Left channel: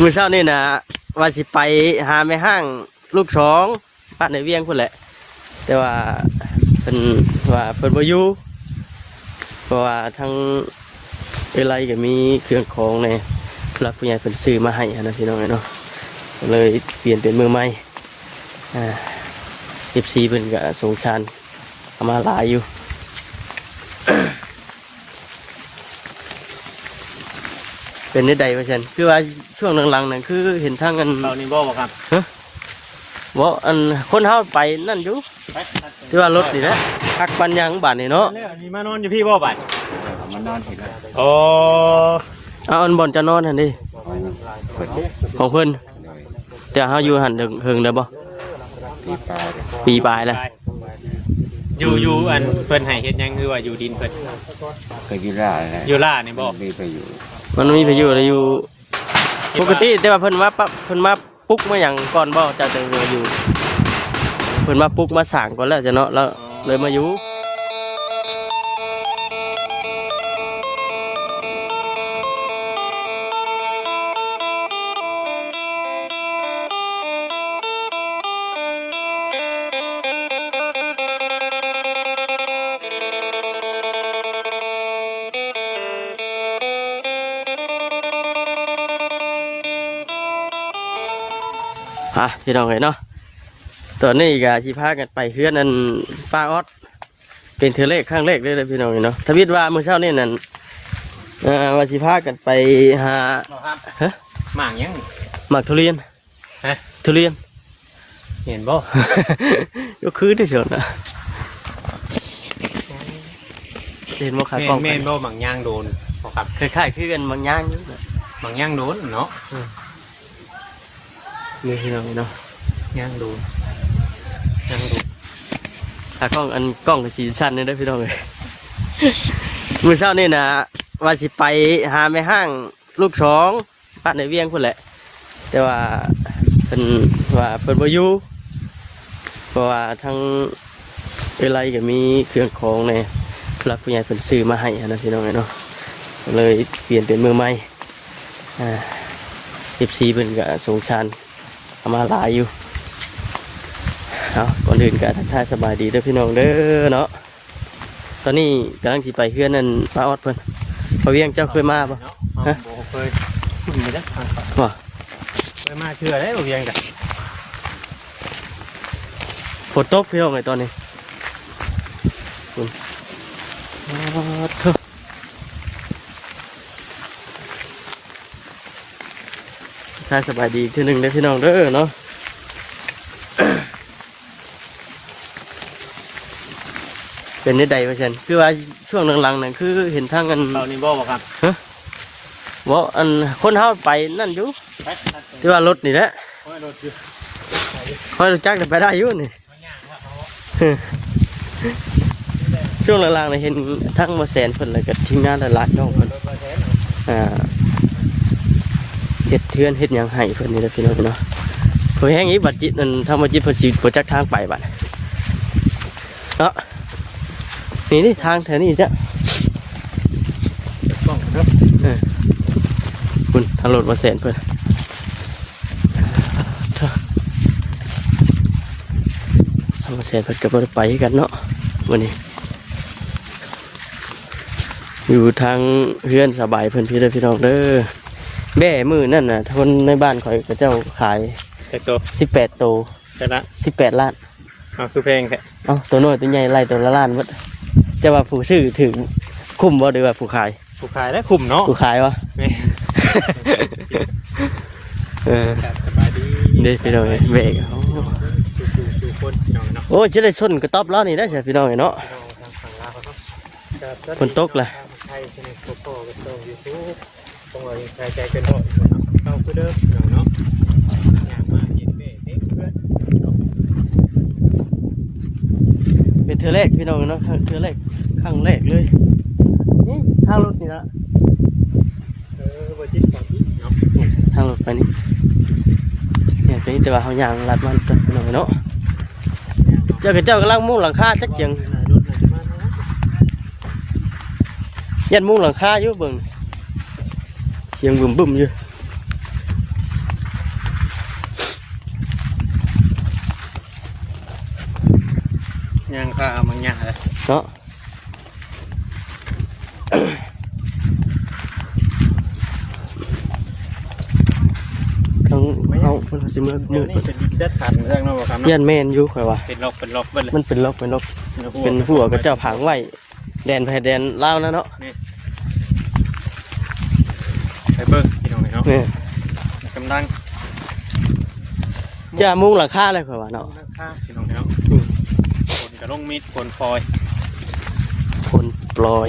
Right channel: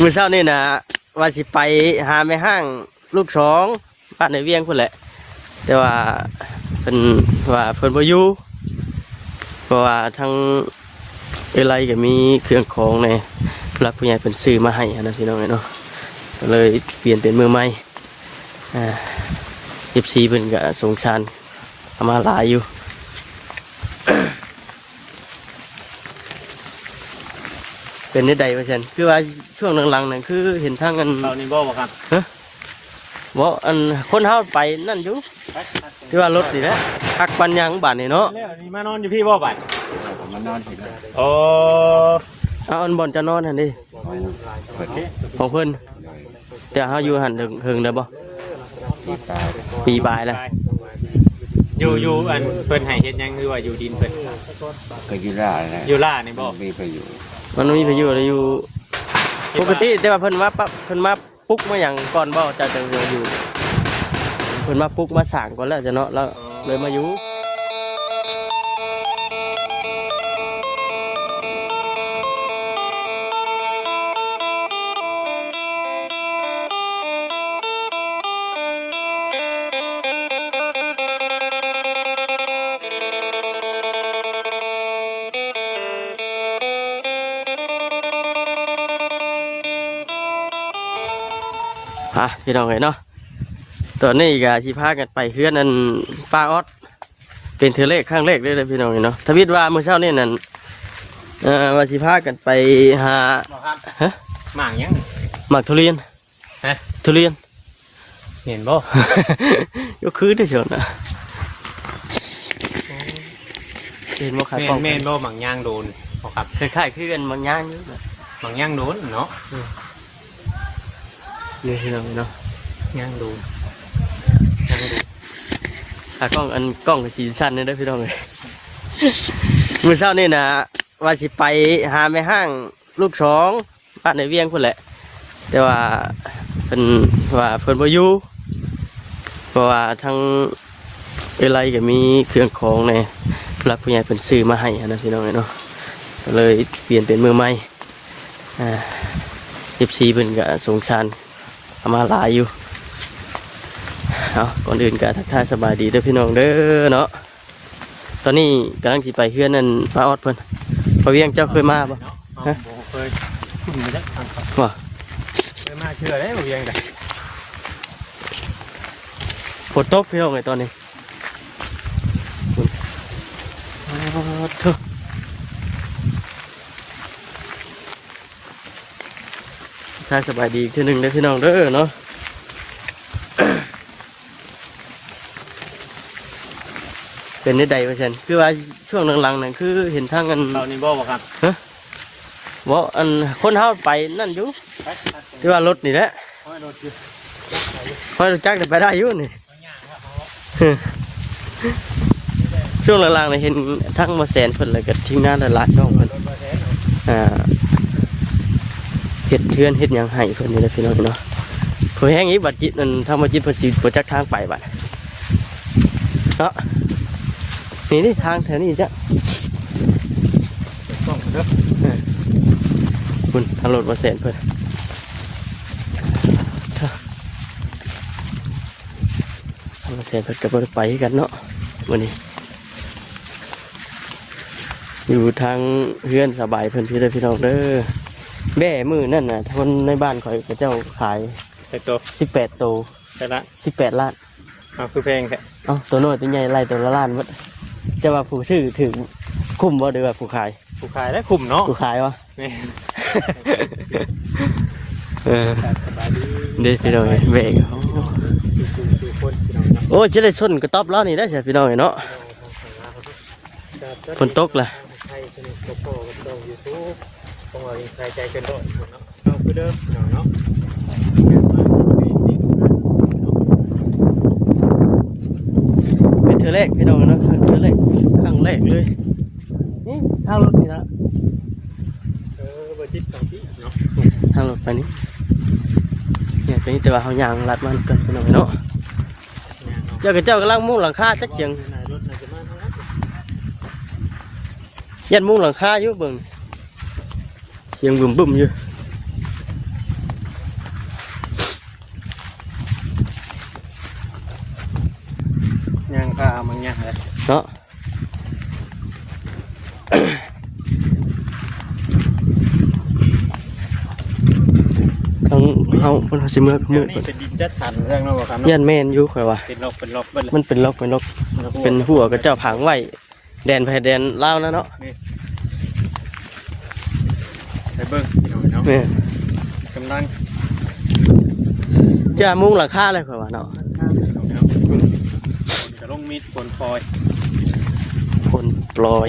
มื้อเช้านี่นะว่าสิไปหาแม่ห้างลูกสองบ้านในเวียงพุ่นแหละแต่ว่าเพิ่นบ่อยู่เพราะว่าทั้งอะไรก็มีเครื่องของในผู้หลักผู้ใหญ่เพิ่นซื้อมาให้นะพี่น้องเนาะก็เลยเปลี่ยนเป็นมือใหม่FC เพิ่นก็สงสารเอามาหลายอยู่ เป็นได้ใดเปอร์เซ็นต์คือว่าช่วงหลังๆนั่นคือเห็นทางอันเราในบ่อครับว่าอันคนเฮาไปนั่นอยู่คือว่ารถนี่นะทักปัญญังบ้านนี่เนาะแล้วนี่มานอนอยู่พี่บ่บัดมานอนโอ้เอาอันบ่อนจะนอนหั่นดิของเพิ่นแต่เฮาอยู่หั่นถึงได้บ่ปีปลายเลยอยู่อันเพิ่นให้เฮ็ดหยังคือว่าอยู่ดินเพิ่นก็อยู่ล่านี่บ่มีไปอยู่มันมีพายุอะไรอยู่ปกติแต่ว่าเพิ่นมาปลุ๊กมาอย่างก่อนบ่จะอยู่เพิ่นมาปลุ๊กมาสั่งก่อนแล้วจะเนาะแล้วเลยมาอยู่พี่น้องเลยเนาะตอนนี้ก็สิพากันไปเฮือนนั่นป้าออดเป็นเทเลขข้างเลขได้เลยพี่น้องเนาะทวิตว่าเมื่อเช้านี่นั่นว่าสิพากันไปหาฮะหมากยังหมากทุเรียนทุเรียนเห็นบ่ก็คือได้เฉยนะเห็นบ่ครับแม่นบ่หมากย่างโดนบ่ครับคล้ายๆคือกันหมากย่างหมากย่างโดนเนาะนี่พี่น้องเนาะย่างโดนกล้องสีสั้นเลยด้วยพี่น้องเลยมื้อเช้านี่นะว่าสิไปหาแม่ห้างลูกสองบ้านในเวียงพุ่นแหละแต่ว่าเพิ่นบ่อยู่เพราะว่าทั้งอะไรก็มีเครื่องของในผู้หลักผู้ใหญ่เพิ่นซื้อมาให้นะพี่น้องเนาะก็เลยเปลี่ยนเป็นมือใหม่FC เพิ่นก็สงสารเอามาหลายอยู่เอาก่อนอื่นก็ทักทายสบายดีเด้อพี่น้องเด้อเนาะตอนนี้กำลังขี่ไปเพื่อนนั่นป้าออดเพิ่นเขาเวียงเจ้าเคยมาปะฮะเคยว่าเคยมาเชื่อได้เวียงกันฝนตกพี่น้องไงตอนนี้ถ้าสบายดีทีหนึ่งได้พี่น้องเด้อเนาะเป็นได้ใดเปอร์เซ็นต์คือว่าช่วงหลังๆนั่นคือเห็นทางอันเราในบ่อครับว่าอันคนเฮาไปนั่นอยู่คือว่ารถนี่แหละคอยรู้จักไปได้อยู่นี่ช่วงหลังๆเนี่ยเห็นทั้งมาแสนเพิ่นแล้วก็ทีมงานละช่องเพิ่นเฮ็ดเพื่อนเฮ็ดยังให้เพิ่นนี่แหละพี่น้องเนาะพอแห้งนี้บัดจิตนั่นทำมาจิตเพิ่นสิบ่จักทางไปบัดเนาะนี่ทางแถวนี้จ้ะคุณทางรถมาแสนเพิ่นทางมาแสนเพิ่นกับรถไปกันเนาะวันนี้อยู่ทางเพื่อนสบายเพิ่นพี่น้องเด้อแบ่มือนั่นน่ะคนในบ้านข่อยกับเจ้าขาย18 โตแต่ละ18 ล้านคือเพลงแค่ตัวน้อยตัวใหญ่ไล่ตัวละล้านวัดจะว่าผู้ซื้อถึงคุ้มบ่หรือว่าผู้ขายและคุ้มเนาะผู้ขายวะนี่พี่น้องแม่โอ้จะได้ส้นกระต๊อบล้อนี่ได้ใช่พี่น้องเนาะฝนตกเลยเป็นเธอแรกพี่น้องเนาะเธอแรกครั้งแรกเลยทางรถนี่ละทางรถไปนี่เนี่ยเป็นแต่ว่าเขาอย่างรัดมันเป็นหน่อยเนาะเจ้ากำลังมุ่งหลังคาจักเฉียงยันมุ่งหลังคาอยู่เบิ่งเสียงบึ้มอยู่ เฮาเพิ่นว่าสิมื้อ เดี๋ยวนี้เป็นดินจัดขันแรงน้องครับ ยันแม่นอยู่ข่อยว่า เป็นลบเบิ่เลย มันเป็นลกเป็นหัวกับเจ้าผังไว้แดนไผแดนลาวแล้วเนาะ ไปเบิ่งพี่น้องเนาะ แม่ กำลัง จะมุงหลังคาเลยข่อยว่าเนาะ ข้ามพี่น้องเนาะคนกระลงมีดคนฟอย คนปล่อย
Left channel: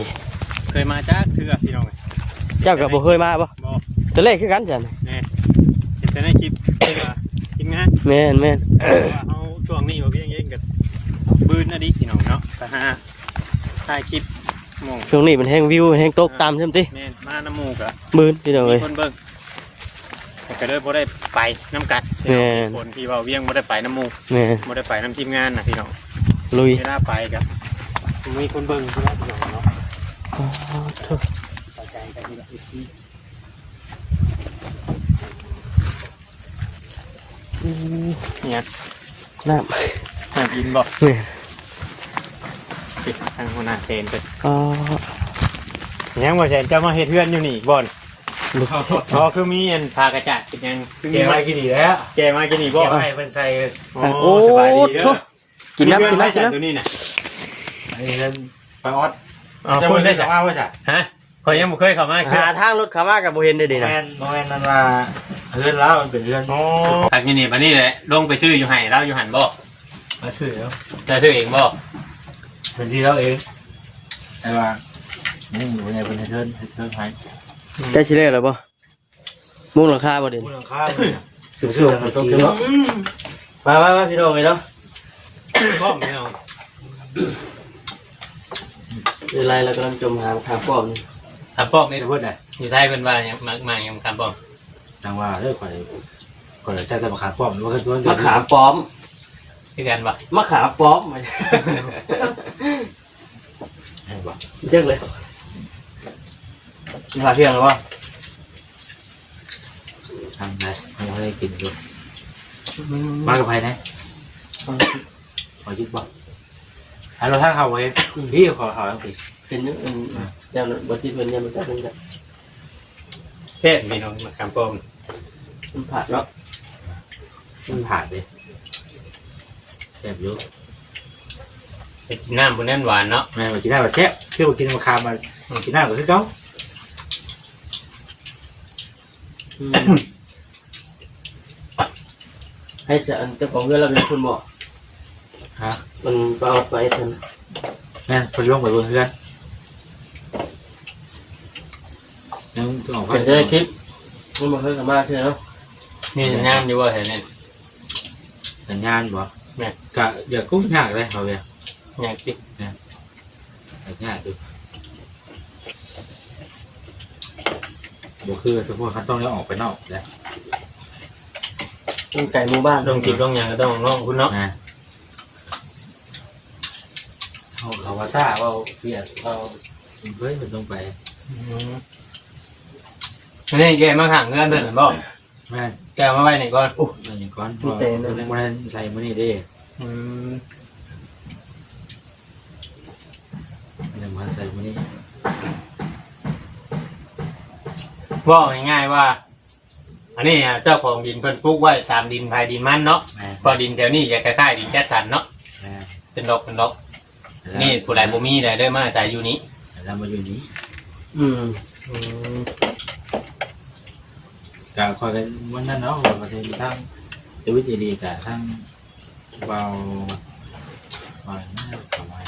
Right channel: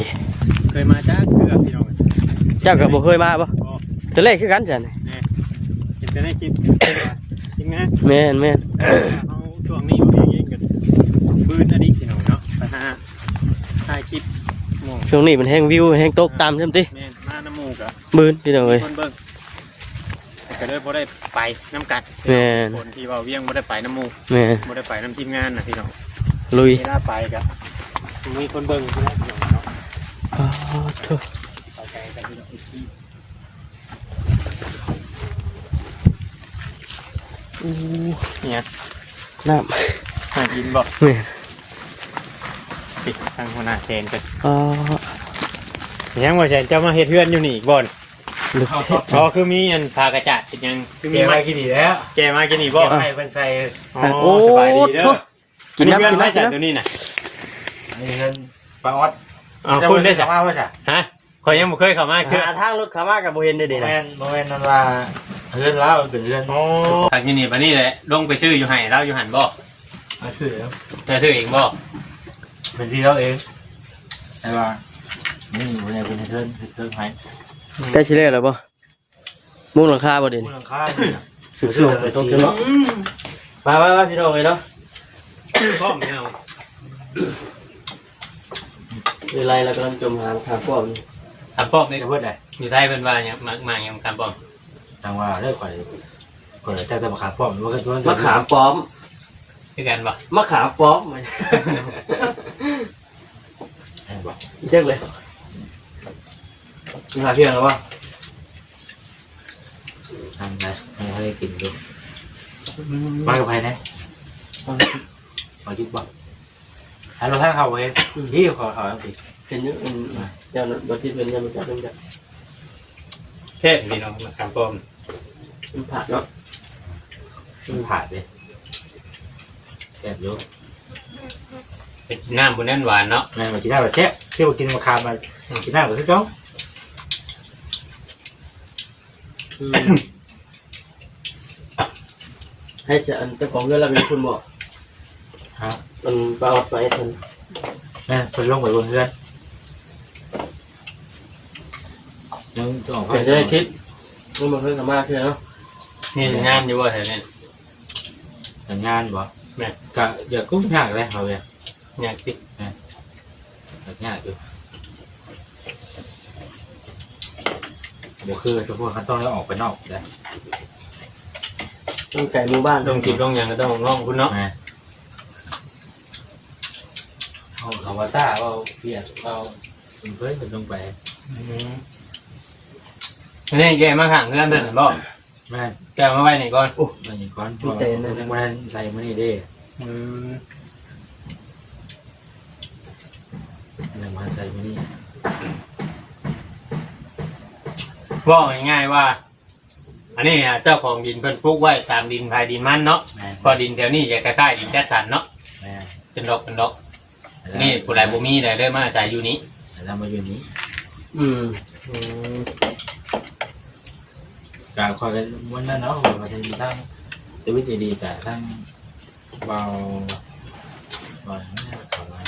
เคยมาจ้าเกือบพี่น้อง เจ้าก็บ่เคยมาบ่ บ่ แต่แรกคือกันจ้ะ เนี่ยจะได้คลิปทีมงาน แม่น เขาช่วงนี้เขาเพียงเองกับปืนอดีตพี่น้องเนาะไปหาถ่ายคลิปหมู่ ช่วงนี้มันแห้งวิวมันแห้งตกตามเทิมติ แม่นมาน้ำหมูกะ มื้นพี่น้อง มี เอ้ย คนเบิ่งแต่ก็เลยบ่ได้ไปน้ำกัด แม่น คนที่ว่าเวียงบ่ได้ไปน้ำหมู แม่ บ่ได้ไปน้ำทีมงานนะพี่น้อง ลุย ไม่น่าไปกับมีคนเบิ่งเนี่ย น้ หากินบอก ำแม่ ติดทางหัวหน้าเซนไป อ๋อ ยังว่าแซนจะมาเฮ็ดเพื่อนอยู่นี่อีกบ่อนพอคือมีอันพากระจาดเป็นยังคือ เก มี ม มา มากินดีแล้ว แกมากินนี่ เก บ่ มให้เพิ่นใส่ อ๋อสบายดีเด้อ กินน้ำ เพื่อน กิน ไม่ น้ำ ใส่ตัวนี้น่ะ อันนี้เงินปลาออด อ๋อคุณได้ใส่ ว่าว่าจ้ะ ฮะขอยยังบ่เคยเข้ามาคือ หาทางรถเข้ามาก็บ่เห็นได้ดิ แม นะ นนั่นว่าเพื่อนแล้วมันเป็นเพื่อน อ๋อทางนี่มานี่เลยลงไปซื้ออยู่ไห้เราอยู่หันบ่ มาช่วยแล้ว เราซื้อเองบ่ เป็นที่เราเองแต่ว่านี่เนี่ยเป็นเพื่อนให้ ใกล้สิได้แล้วบ่มุงหลังคาบ่เด่น มูลค่ามันเชื่อๆกันสิ ไปพี่น้องเลยเนาะ พ่อมไม่เอา เดี๋ยวไรแล้วกำลังจมหาขาป้อม ทำป้อมนี่ เดี๋ยวเพิ่นได้ อยู่ไทยเป็นว่าเนี่ยมาอย่างทำป้อม จังว่าเลิกก่อนเลยถ้าจะมาขาดป้อมมันก็ตัว มะขามป้อม ที่กันปะ มะขามป้อม เห็นบ่ เยอะเลยกินข้าวเที่ยงแล้ววะ ทำไงมันให้กินดูมากับใครนะมาคิดบ่ฮัลโหลท่านเขาไว้พี่ขอเขาต้องปิด เป็นเยอะอย่างบัตรเป็นยังมันก็มันจะ เทพนี่น้องมาทำป้อม มันผัดเนาะ มันผ่านเลยแซ่บอยู่ เป็นน้ำบุญแน่นหวานเนาะ แม่มากินได้แบบแซ่บเที่ยวกินมะขามมากินได้แบบที่เจ้า ให้จะอันเจ้าของเงินเรามีคุณบอก ฮะ มันไปเอาไปทัน แม่คนลงไปบนเพื่อนยังต้องออก เป็นได้คลิปมันเพิ่มมากขึ้นเนาะ นี่งามอยู่ว่าแถวนี้ สัญญาณบ่กะอยากกุ้งยากเลยเขาเลย เนี่ยติ๊ก ยากอยู่บ่คือเฉพาะขั้นตอนแล้วออกไปนอกเลย ต้องใจหมู่บ้าน ลงติ๊กลงอย่างก็ต้องลองคุณเนาะ นะเขาว่าต้าว่าเปียกเอาเพิ่นลงไป นี่แกมาขังเงื่อนเพิ่นบ่ แม่ แกมาไว้ไหนก่อน มันอย่างก้อนพอยังไม่ใส่มื้อนี้เด้ยังมาใส่มื้อนี้ ว่าง่ายๆว่า อันนี้เจ้าของดินเพิ่นปลูกไว้ตามดินภายดินมันเนาะ แม่ พอดินแถวนี้จะคล้ายๆดินแจ๊สันเนาะ แม่ เป็นดอกนี่ผู้ใดบ่มีได้ได้มาใส่อยู่นี้ เรามาอยู่นี้ กาคอยกันวันนั้นเนาะว่าจะมีทั้งชีวิตดีๆแต่ทั้งเบาประมาณ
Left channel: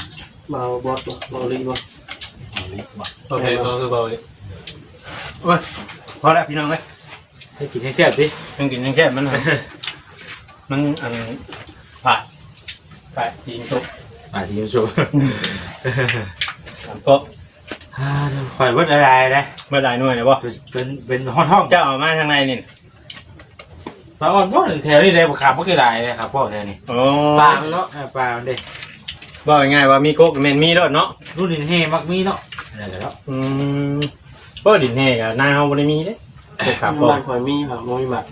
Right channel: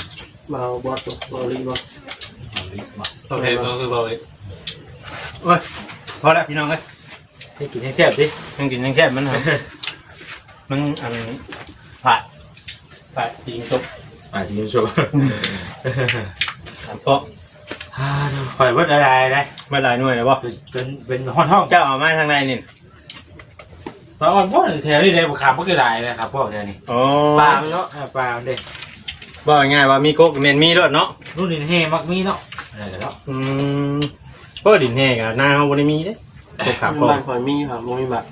เบาบอสเบาลีบอส วิกบ่ โอเคก็คือบ่เว้ยโอ้ยพอแล้วพี่น้องเอ้ย ให้กินให้แซ่บสิ ทั้งกินทั้งแค่มันหามันอันผ่าจริงตก สิยูชม สามก๊อก คอยวัดอะไรเลย เมื่อไรหน่วยนะบ่ เป็นห้อง เจ้าออกมาทางในนี่ ปลาอ่อนพ่อแถวนี้เลยขาบก็ได้เลยครับพ่อแถวนี้ อ๋อ ปางเนาะ ปลาเด้ ว่าง่ายว่ามีก๊กเมนมีรถเนาะ รุ่นนี้เฮมักมีเนาะอะไรเนาะ ก็ดินแห้งอะหน้าเขาบ่ได้มีเด้ครับ หมู่บ้านคอยมีค่ะมีบัตร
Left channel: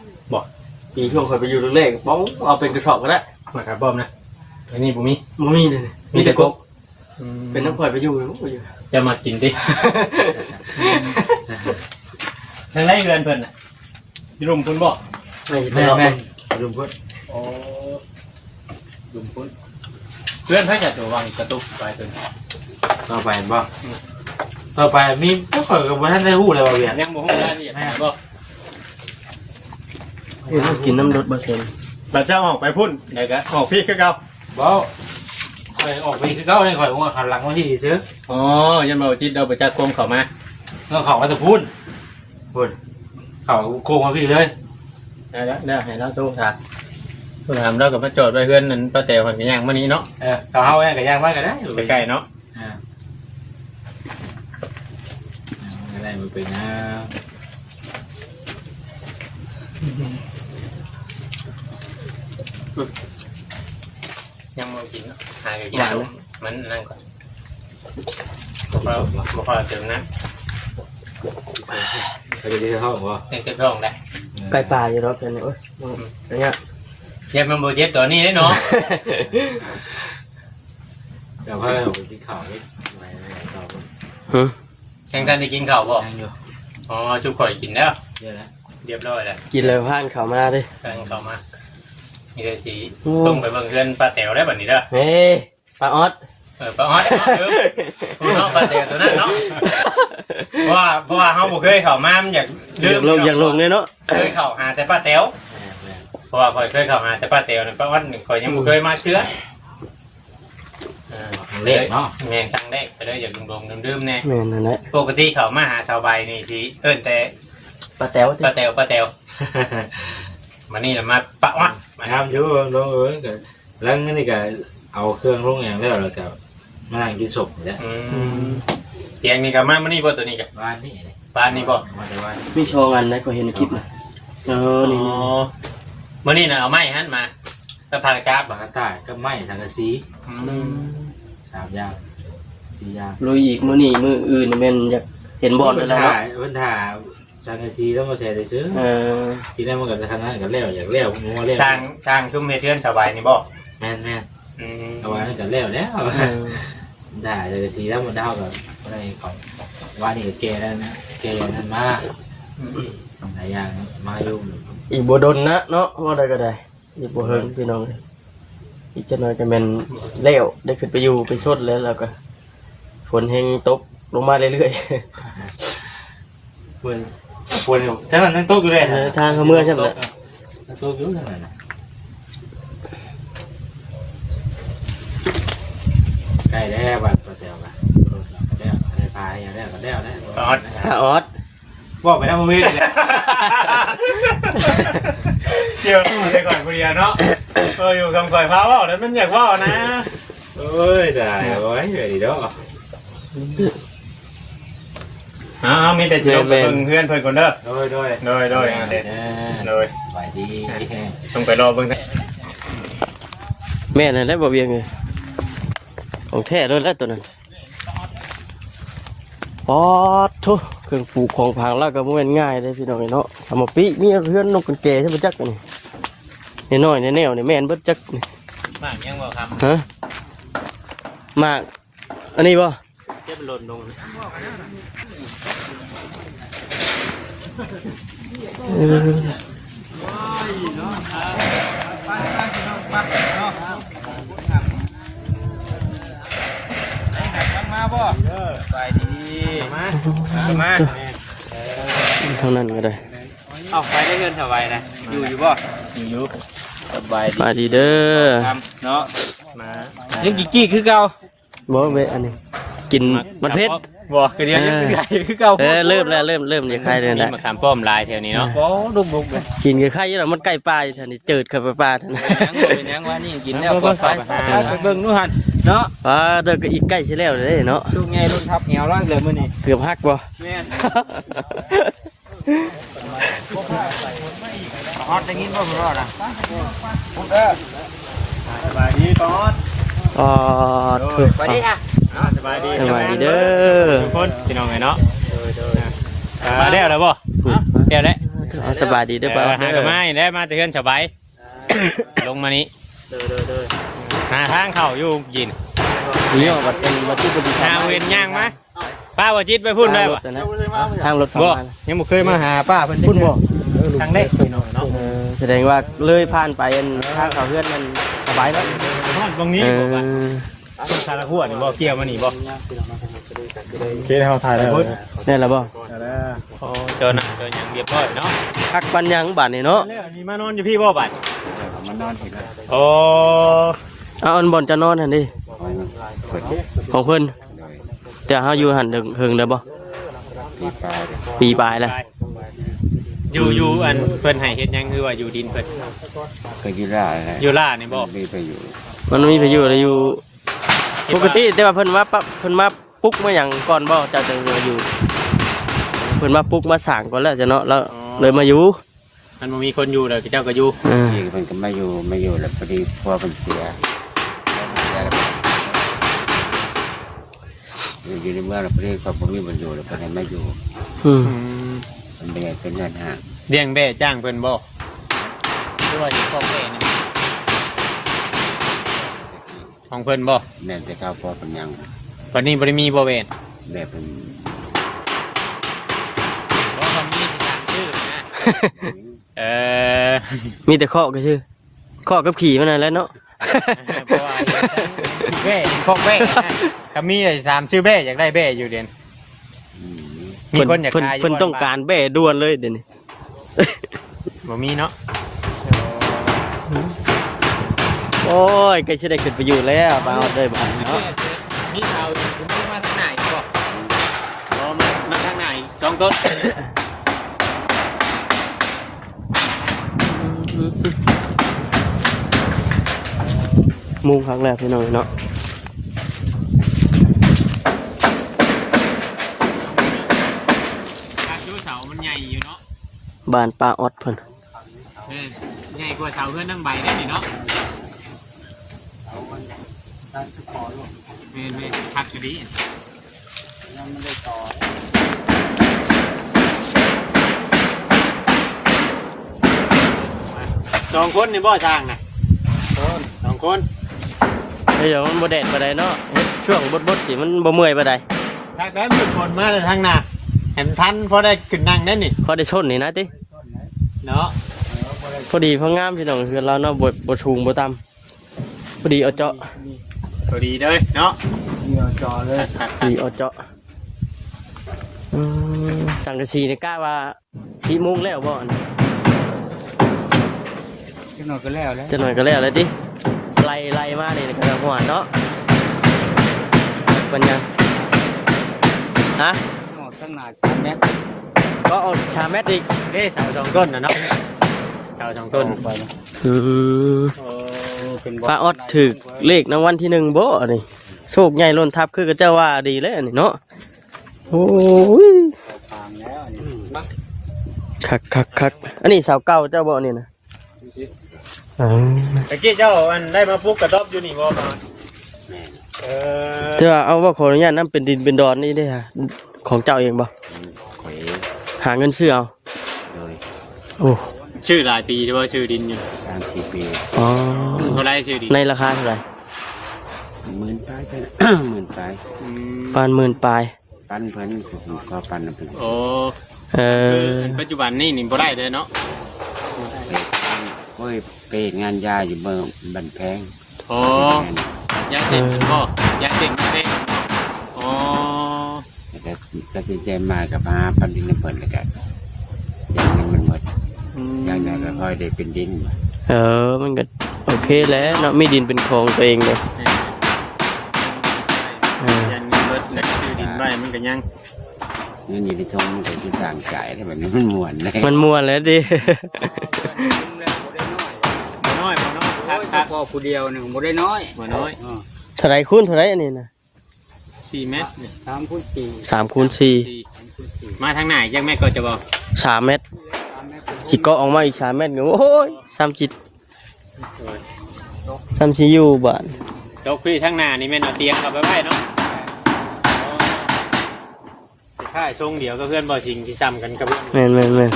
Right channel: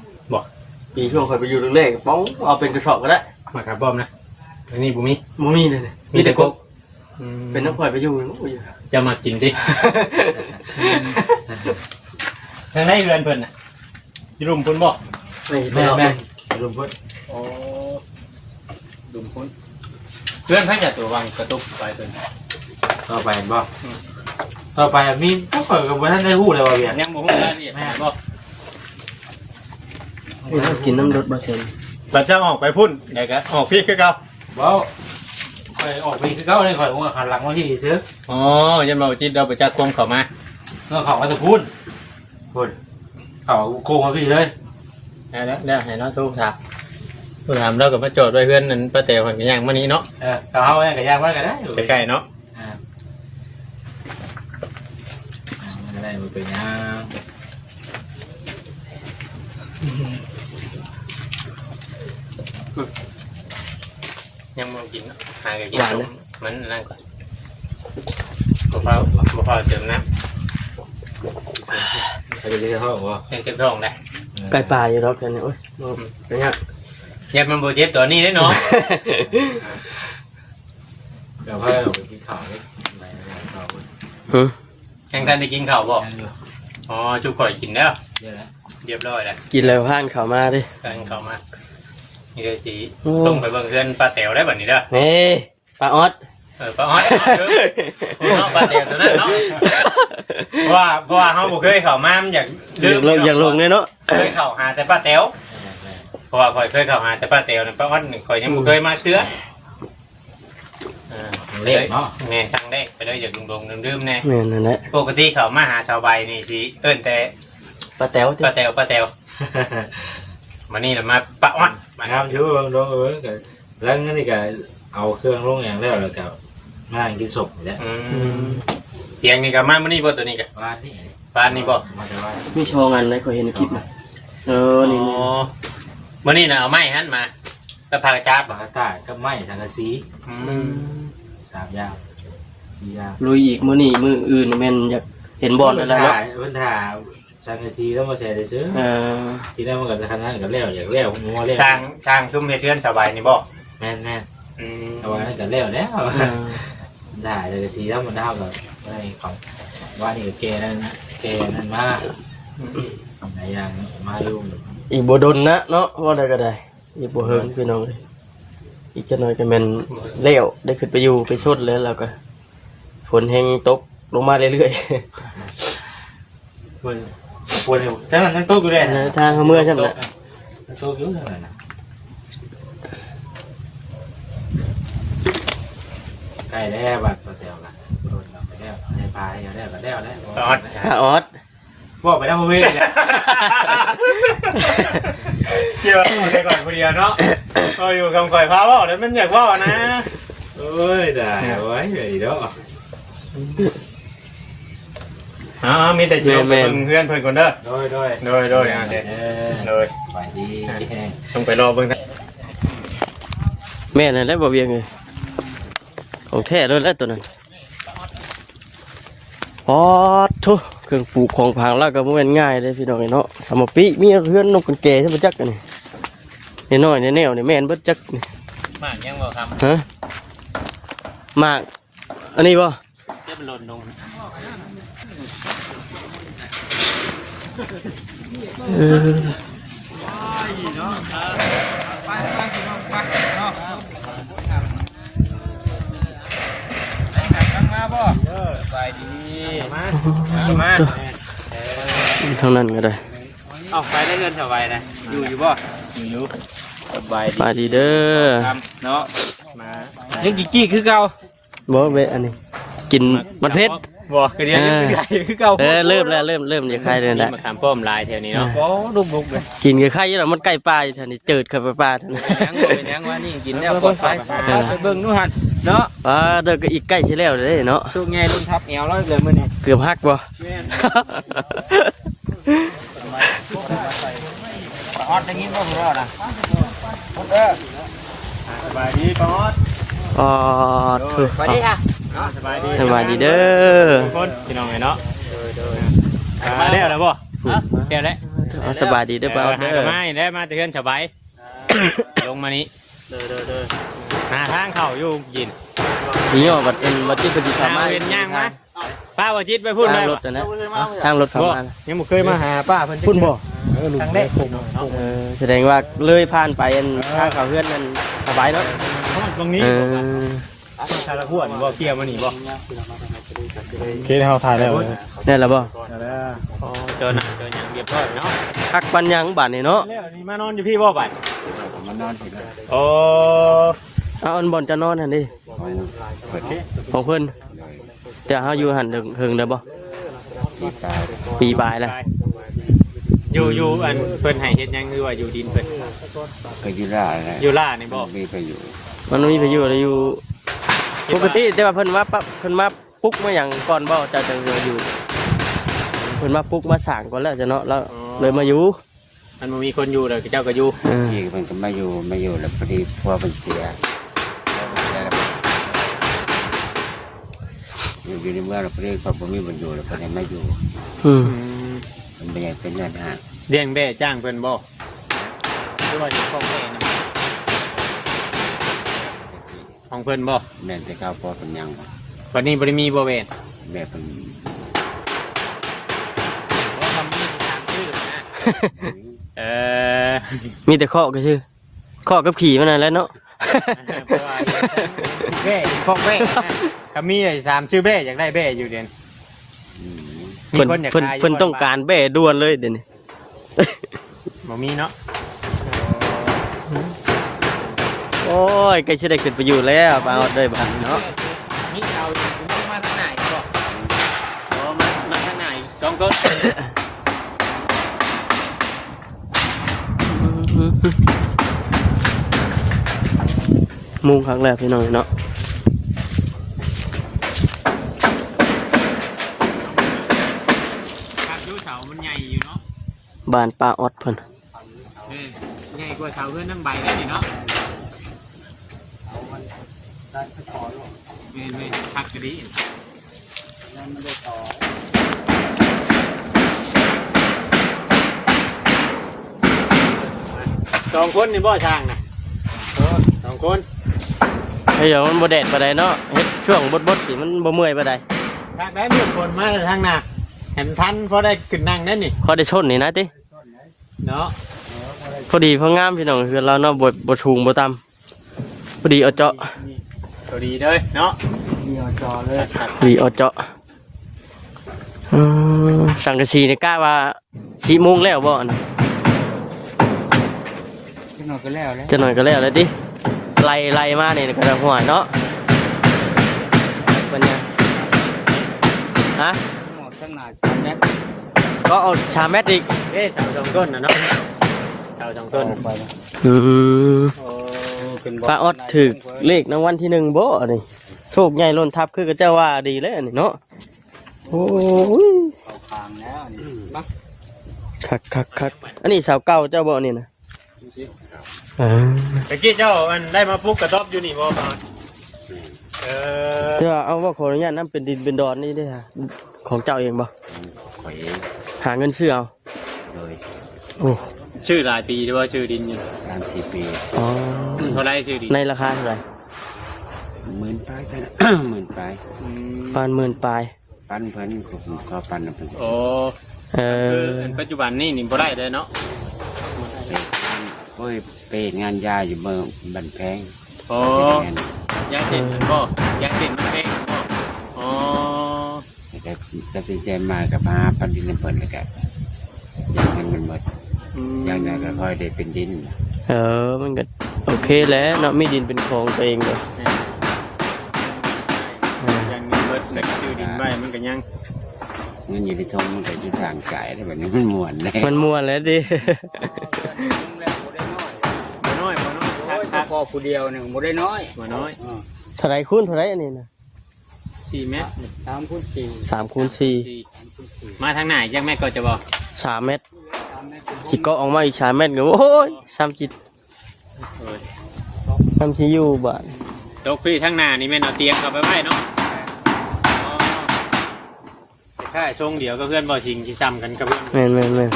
ปีช่วงคอยไปอยู่แรกๆป้องเอาเป็นกระสอบก็ได้ มาครับป้อมนะอันนี้บุมี มันมีเลย มีแต่ก๊ก เป็นน้ำคอยไปอยู่ จะมากินดิทางไรเรือนเพิ่นน่ะที่รุมเพิ่นบอก แม่แม่ลุงพุ่น โอ้ดุมพุ่นเพื่อนเขาจะตัววางกระตุกไปตัว ต่อไปบ่ต่อไปมีก็ข่อยกับว่าท่านได้ฮู้แล้วว่าเวียน ยังบ่ฮู้รายละเอียดบ่ กินน้ำรสบะเซน แต่จะออกไปพุ่นไหนก็ออกพี่คือเก่า บ่ข่อยออกไปคือเก่านี่ข่อยว่าหันหลังมาที่ซื้อ อ๋อยันมาจิตเราไปจักกลมเข้ามา เรื่องของมาตะพูนพูนเขาโกงมาพี่เลย ได้ให้เราตู้ค่ะตู้ถามเรากับมาโจทย์ไว้เพื่อนนั้นป้าเต๋อคนกันย่างมื้อนี้เนาะ เขาเนี่ยก็ย่างมากก็ได้ ใกล้ๆเนาะ ก็ได้มาเป็นน้ ยังบ่กินเนาะหากันกินมันนั่งก่อนบ่พอเติมน้ ำคดีที่เขาบอกว่า ำเต็มท้องได้ ไก่ป่าอยู่รอบเดียวนี่โอ้ยเป็นไง ยันมันบ่เจ็บตัวนี้ได้เนาะ เดี๋ยวพ่อเราไปกินข้าวนี่ไปข้าว ยังทันได้กินข้าวบ่ อยู่ อ๋อจุกข่อยกินแล้ว เนี่ยนะ เรียบร้อยแล้ว กินแล้วผ่านเข้ามาดิ ทานข้าวมานี่ก็สิลงไปเบิ่งเพื่อนป้าเต๋อได้บัดนี้เด้อ นี่ปลาออด ป้าออดเนาะป้าเต๋อตัวนั้นเนาะเพราะว่าเฮาบ่เคยเข้ามามันอยาก อยากลงเลยเนาะ เคยเข้าหาแต่ป้าเต๋อเพราะว่าข่อยเคยเข้าหาแต่ป้าเต๋อนั่นป้าออดนี่ข่อยยังบ่เคยมาเทื่อ เล็กเนาะ แม่นสั่งได้ไปเลยอย่าลงๆดื่มๆแน่ แม่นนั่นแหละ ปกติเข้ามาหาชาวใบนี่สิเอิ้นแต่ ปลาแต๋วติ ป้าเต๋อมานี่น่ะมาป้าออดมา น้ำเยอะลงเลยกันแล้วนี่ก็เอาเครื่องลงอย่างแล้วแล้วก็มากินศพเนี่ย เตียงนี่ก็มามื้อนี้บ่ตัวนี้ก็ บ้านนี่ บ้านนี่บ่ มาแต่ว่า มีโชว์งานอะไรขอเห็นในคลิปนะนี่ มื้อนี้น่ะเอาไม้หั่นมาแล้วพากระจับ ปากตาก็ไม้สังกะสี3อย่าง4อย่าง ลุยอีกมื้อนี้มื้ออื่นแม่นอยากเห็นบอลแล้วเนาะ มันถ่าสังกะสีแล้วมาเสียได้ซื้อ ที่นั่นมันก็ขนาดกันแล้วอยากแล้วงัวแล้ว สร้างชุ่มเฮ็ดเรือนสบายนี่บ่ แม่นเอาไว้นั่นก็แล้วถ่ายสังกะสีถ้ามันเท่ากับอะไรของว่านี่เกนั่นมาทำหลายอย่างมายุ่ง อีกบ่ดนนะเนาะว่าได้ก็ได้อีกบ่เฮิงพี่น้องเลยอีกจักหน่อยก็แม่นแล้วได้ขึ้นไปอยู่ไปชดแล้วก็ฝนแห้งตกลงมาเรื่อย ควรเนี่ยแต่มันโต๊ะอยู่เลย ๆทางเขาเมื่อใช่ไหม โต๊ะอยู่เลยใกล้แล้วบัดเตียวกันแล้วได้พายแล้วก็แล้วแล้ว ออด บอกไปนะมึงเว้ย เดี๋ยวเอาแต่ก่อนผู้เดียวเนาะก็อยู่กับก่อยพาเว้าแล้วมันอยากเว้านะ โอ้ยได้โอ้ยดีเด้อ มีแต่สิลงไปเบิ่งเพื่อนเพิ่นก่อนเด้อ โดย โดยอ่ะเด้โดย ไปดี ต้องไปรอเบิ่ง แม่นั่นแหละบ่เวียงเลยของแท้เลยแล้วตัวนั้นอ๋อโธ่เครื่องปลูกของพังแล้วก็บ่แม่นง่ายเลยพี่น้องเนาะสมปิมีเพื่อนนกกันแก่ใช่บ่จักกันนี่น้อยๆแนวนี่แม่นบ่จักนี่ มากยังบ่ครับ ฮะมากอันนี้บ่ เจ็บหล่นลง ทางนั้นก็ได้ ออกไปได้เงินสบายนะอยู่บ่อยู่สบาย สวัสดีเด้อ เนาะยังกี่คือเก่า บ่เว้ยอันนี้กินบัดเพชร บ่คือเดียวยังใหญ่คือเก่า เริ่มแล้วเริ่มเนี่ยใครเนี่ย นี่ นะ มาขามป้อมลายแถวนี้เนาะ โอ้ดุกๆเลย กินกับไข่แล้วมันไก่ปลาอยู่แถวนี้จืดครับปลาท่าน ยังว่านี่กินแล้วปลอดภัยเบิ่งนู่นหันเนาะ เดินก็อีกใกล้ชิแล้วเลยเนาะ ลูกไงลูกทับเหนียวแล้วเดี๋ยวมื้อนี้ เกือบหักบ่ ออดได้ยินบ่มึงรอดอ่ะพุดเด้อสบายดีปอด สวัสดีค่ะ สบายดี สบายดีเด้อ ทุกคนพี่น้องไงเนาะได้แล้วบ่ได้แล้ว สบายดีเด้อป้า หากไม้ได้มาแต่เพื่อนสบายลงมานี้หาทางเข้าอยู่ยิน เนี่ยบัดเป็นที่ หาเวียนย่างมาไป ป้าว่าจิตไปพูดได้ ร บ่ ถนะทางรถเข้า บ่ มา ยังบ่เคยมาหาป้าเพิ่นจัก พุ่นบ่ ทางเล็กพี่น้องเนาะ แสดงว่าเลยผ่านไปอันทางเขาเพื่อนกันสบายเนาะ ตรงนี้บ่ว่าชาละหัวนี่บ่เกี่ยวมานี่บ่เคยเฮาถ่ายแล้ว นี่แหละบ่ โอ้เจอหนังเจอหยังเรียบร้อยเนาะ ทักปันยังบาดนี่เนาะ แล้วนี่มานอนอยู่พี่บ่บัด มานอนที่ โอ้ เอาอันบ่อนจะนอนหั่นดิของเพิ่นแต่เฮาอยู่หั่นถึงเด้อบ่ปีปลายแล้ว อยู่อันเพิ่นให้เฮ็ดหยังคือว่าอยู่ดินเพิ่น ไปอยู่ล่าไง อยู่ล่านี่บ่ มีไปอยู่ มันบ่มีประโยชน์เลยอยู่ปกติแต่ว่าเพิ่นมาปั๊บเพิ่นมาปลุ๊กมาหยังก่อนบ่เจ้าจังมาอยู่เพิ่นมาปลุ๊กมาสร้างก่อนแล้วจ้ะเนาะแล้วเลยมาอยู่ มันบ่มีคนอยู่แล้วเจ้าก็อยู่ ที่มันก็มาอยู่แล้วพอดีพ่อมันเสียอยู่ในเมืองแล้วพอดีก็ผมมีมันอยู่แล้วพอดีมาอยู่ อืม มันเป็นงานหา เลี้ยงแบ่จ้างเพิ่นบ่หรือว่าสิพ่อแม่นี่ของเพิ่นบ่ แม่แต่ข้าวพ่อเป็นยัง วันนี้บ่ได้มีบ่แม่น แม่เป็น บ่ทำมีทางชื่อนะเออ มีแต่ข้อก็ชื่อข้อกับขี่มันนั่นแหละเนาะ เพราะว่าแบ่ของแบ่ก็มีไอ้3ชื่อแบ่อยากได้แบ่อยู่เด่นมีคนอยากขายอยู่ เพิ่นต้องการแบ่ด่วนเลยเดี๋ยวนี้ บ่มีเนาะ โอ้ยก็สิได้ขึ้นไปอยู่แล้วมาเอาเลยบัดเนาะ มีเสาอยู่มีมาทางไหนบ่อ๋อมาทางไหนสองต้น มุงครั้งแรกพี่น้องเนาะ อยู่เสามันใหญ่อยู่เนาะ บ้านป้าออดเพิ่น ใหญ่กว่าเสาเพื่อนนั่งใบได้นี่เนาะเมนพักจะดีสองคนนี่บ่ช่างนะสองคน เดี๋ยวมันบ่แดดปานใดเนาะเฮ็ดช่วงบดๆสิมันบ่เมื่อยปานใด ถ้าได้มือคนมาทางหน้าเห็นทันพอได้ขึ้นนั่งได้นี่ พอได้ชนนี่นะติ เนาะ พอดีพองามพี่น้องคือเราเนาะบ่ชูงบ่ต่ำพอดีเอาเจาะ ตัวดีเลยเนาะ พอดีเอาเจาะสังกะสีนี่กล้าว่า4 โมงแล้วบ่นะ ที่นอนก็แล้วนะ จะหน่อยก็แล้วเลยติไล่มานี่ก็ได้หัวเนาะมันยังฮะ ข้างหน้ากันเนี่ย ก็เอาชาเม็ดอีก เอ้เสาสองต้นนะเนาะเสาสองต้น ป้าออดถือเลขในวันที่1บ่นี่โชคใหญ่ล้นทับคือก็เจ้าว่าดีเลยอันนี่เนาะโอ้ยคักอันนี้สาวเก่าเจ้าบ่นี่นะอ๋อ ตะกี้เจ้ามันได้มาปลุกกระต๊อบอยู่นี่บ่มา เจ้าเอาว่าขออนุญาตนั่นเป็นดินเป็นดอนนี่ได้ฮะของเจ้าเองบ่ ข่อย หาเงินซื้อเอา โดย โอ้ ชื่อหลายปีหรือว่าชื่อดินอยู่ 30 ปี อ๋อ เท่าไรชื่อดิน ในราคาเท่าไหร่ หมื่นปลายไปหมื่นปลาย ประมาณ10,000ปลาย ปั้นเพิ่นก็ปั้นนะพี่ โอ้ เอ คือ อ ปัจจุบันนี่บ่ได้เลยเนาะ โอ้ยไปงานยาอยู่เมืองบันแพง อ๋อยาเส้นบ่ยาเส้นแพงอ๋อ แต่ตัดสินใจมากับหาพันดินในเปิดกันอย่างนั้นมันหมดอย่างนั้นก็ค่อยได้เป็นดิน มันก็โอเคแล้วเนาะมีดินเป็นของตัวเองเลย ยันเงินเบิดนะชื่อดินไว้มันก็ยัง เงินอยู่ในทงมันก็ที่ร่างกายแบบนี้มันม่วนเลย มันม่วนแล้วดิ บ่น้อยครับ พอผู้เดียวหนึ่งบ่ได้น้อย บ่น้อย เท่าไรคูณเท่าไรอันนี้นะ 4 เมตร 3 คูณ 4 3 คูณ 4 มาทางไหนยังไม่ก็จะบอก 3 เมตรจิกก็ออกมาอีก3 เมตรก็โอ้ย3 จิต3ชิอยู่บ้าน ดอกพี่ทางหน้านี่แม่นเอาเตียงเข้าไปไว้เนาะใช่ทรงเดียวก็เพื่อนบ่ชิงที่ซ้ำกันกับ แม่น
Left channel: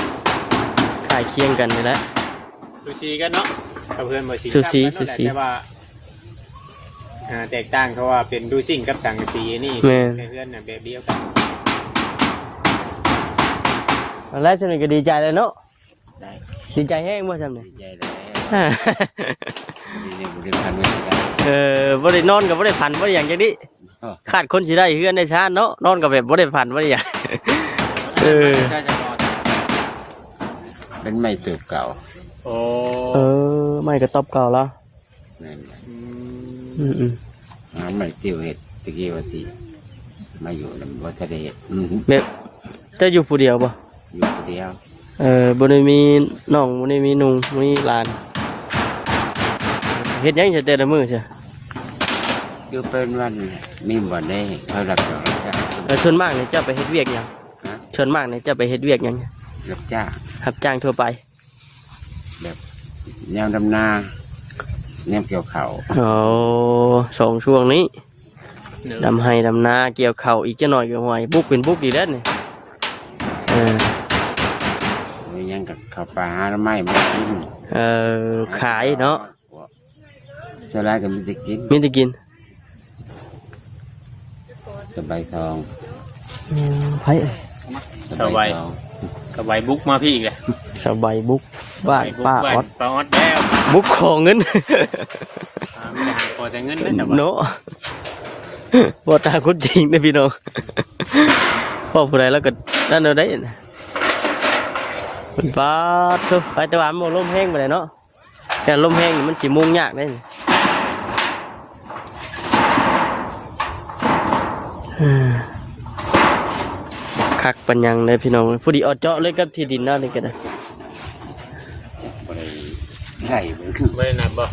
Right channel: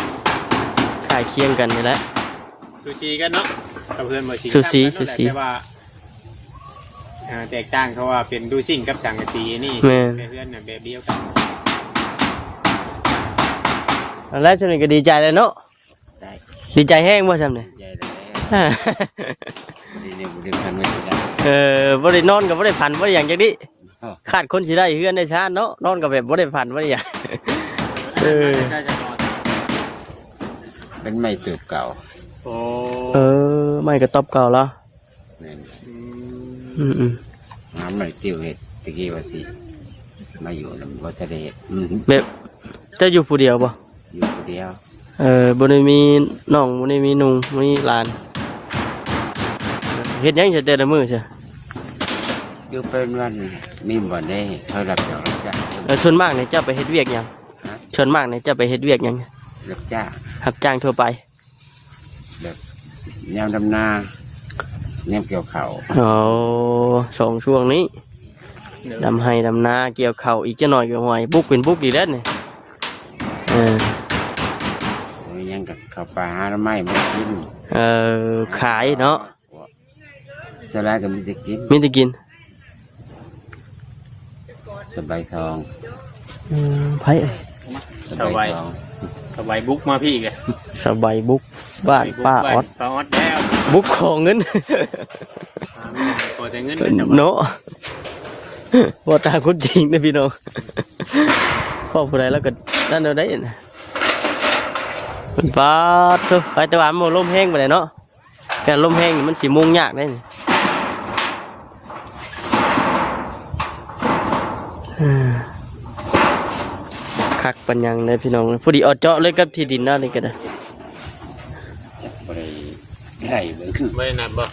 ถ่ายเคียงกันนี่แหละ ซูชิกันเนาะกับเพื่อนบ่ชิง ซูชิ ซ้ำกัน ซูชิ แต่ว่าแตกต่างเขาว่าเป็นดูซิ่งกับสังกะสีนี่ แม่ เป็นเพื่อนเนี่ยแบบเดียวกัน แล้วฉันก็ดีใจเลยเนาะดีใจแห้งบ่จำเนี่ย ใหญ่เลยนี่บริการไม่ได้ บ่ได้นอนกับบ่ได้พันบ่ได้อย่างจังนี้ขาดคนสิได้เฮือนได้ชาติเนาะนอนกับแบบบ่ได้พันบ่ได้อย่าง เป็นไม่เติบเก่า โอ้ ไม่กระต๊อบเก่าแล้วน้ำไม่เกี่ยวเห็ดตะกี้ว่าสิมาอยู่ในวัดทะเล แบบจะอยู่ผู้เดียวบ่ อยู่เดียว บ่ได้มีน้องบ่ได้มีนุ่งบ่ได้มีหลานเฮ็ดหยังแต่ละมื้อใช่ อยู่เป็นวันนี่บ่ได้เขารับรองจ้า ส่วนมากเนี่ยเจ้าไปเฮ็ดเวียกหยังส่วนมากเนี่ยเจ้าไปเฮ็ดเวียกหยัง รับจ้า รับจ้างทั่วไป ยามดำนาเนียเกี่ยวเขา อ๋อสองช่วงนี้ดำให้ดำนาเกี่ยวเข่าอีกจะหน่อยก็หอยบุกเป็นบุกอีกแล้วเนี่ย ยังกับเขาปลาหาไม้ไม่กิน ขายเนาะ สลายก็มีจะกิน มีแต่กิน สบายทอง ไผ่ สบายสบายบุกมาพี่อีกเลย สบายบุกบ้านป้าออด ป้าออดแล้ว บุกขอเงิน พอจะเงินได้ เนาะบ่ตาคุณจริงนะพี่น้องพ่อผู้ใดแล้วก็นั่นเดี๋ยวได้นะมันป้าเถอะไปแต่ว่ามันลมแห้งไปเลยเนาะแต่ลมแห้งนี่มันสิมุงยากได้นี่คักปัญญังเลยพี่น้องพอดีเอาเจาะเลยกับที่ดินหน้านี่กันนะ ใช่ ไม่ได้นับบ่